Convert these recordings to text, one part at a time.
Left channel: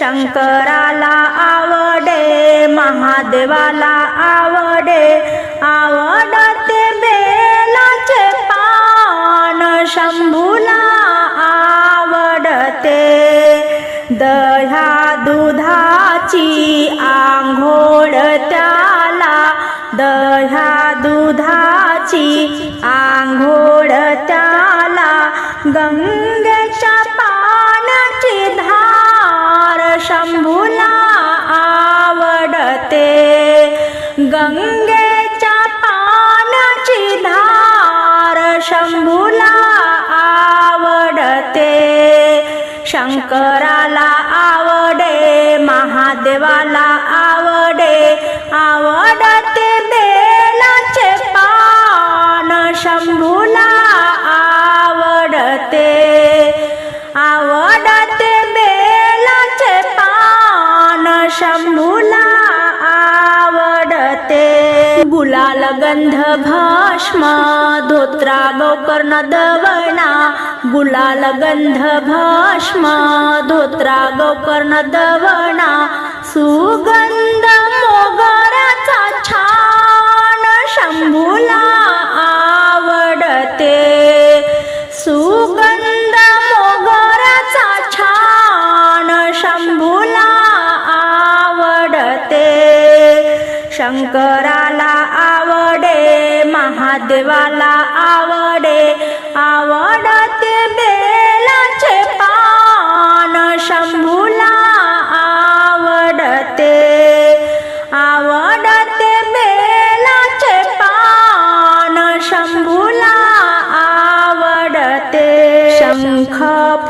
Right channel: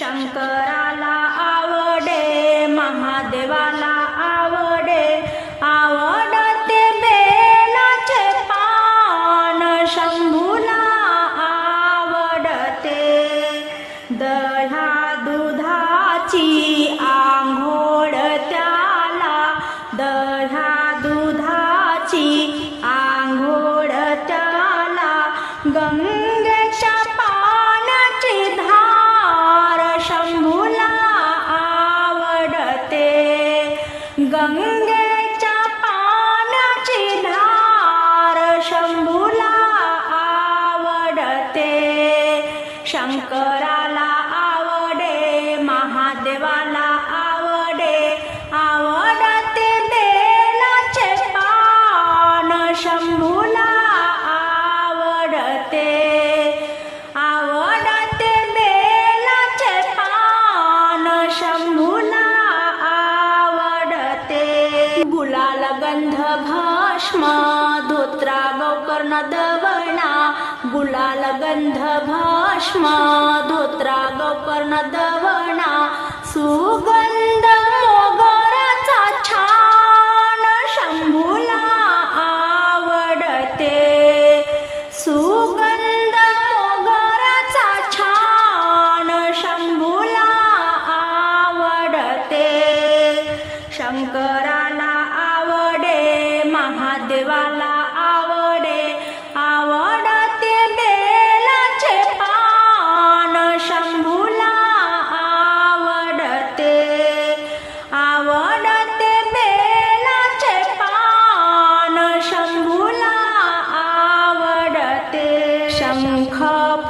शंकराला आवडे महादेवाला आवडे. आवडते बेलाचे पान शंभूला आवडते. दह्या दुधाची आंघोळ त्याला दह्या दुधाची आंघोळ त्याला. गंगेच्या देवाला आवडे आवडते बेलाचे पान शंभूला आवडते. आवडते बेलाचे पान शंभूला आवडते. गुलाल गंध भस्म धोत्रा गोकर्ण दवणा गुलाल गंध भस्म धोत्रा गोकर्ण दवणा सुगंध मोगराचा छान शंभूला आवडते. सुगंध मोगराचा छान शंभूला आवडते. शंकराला आवडे महादेवाला शंख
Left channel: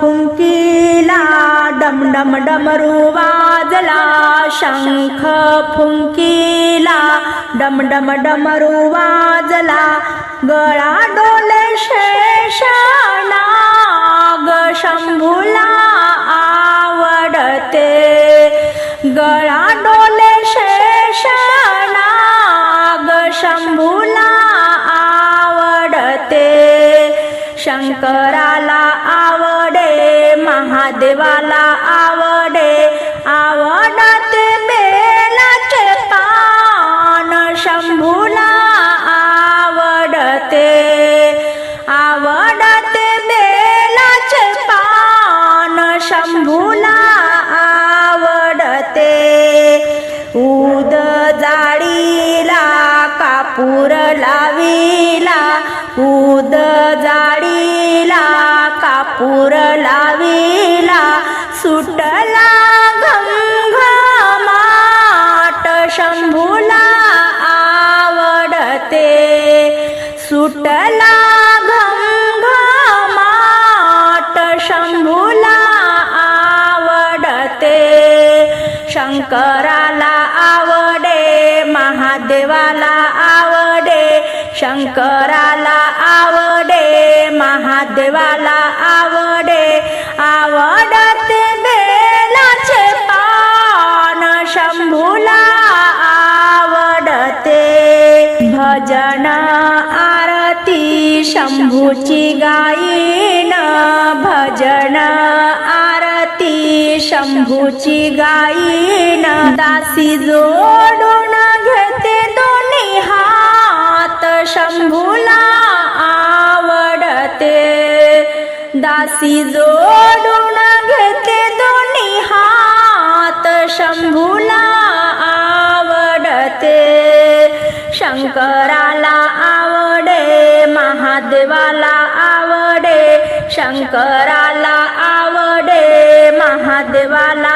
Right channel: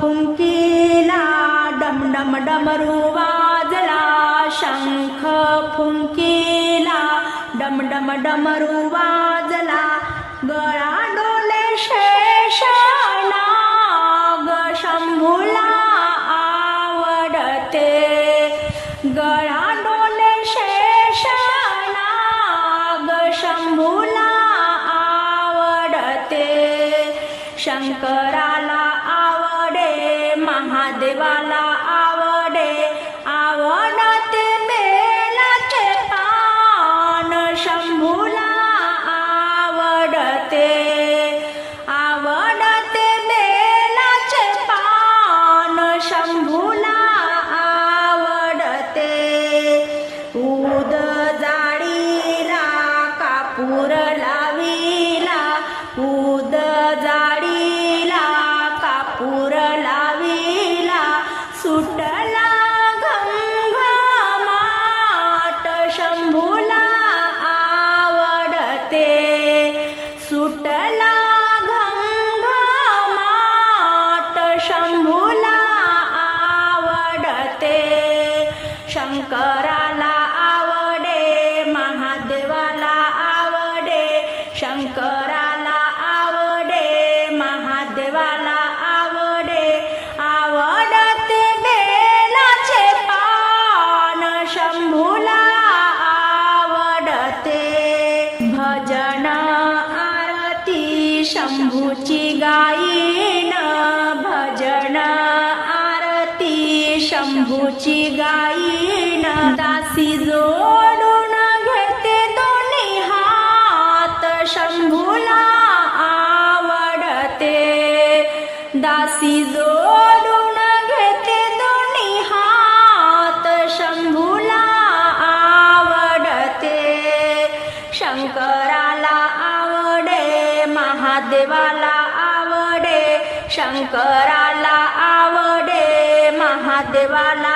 फुंकीला डम डम डमरू वाजला. शंख फुंकीला डम डम डमरू वाजला. गळा डोले शेषाला ग शंभूला आवडते. गळा शंकराला आवडे महादेवाला आवडे आवडते बेलाचे पान शंभूला सुटला घमघमाट शंभूला आवडते. शंकराला आवडे महादेवाला आवडे. शंकराला आवडे महादेवाला आवडे. आवडते बेलाचे पान शंभूला आवडते. भजना शंभूची गायीन भजन आरती. शंभूची गायीन दासी जोडून घेते दोन्ही हात. शंभूला आवडते. दासी जोडून घेते दोन्ही हात. शंभूला आवडते. शंकराला महादेवाला आवडे शंकराला आवडे महादेवाला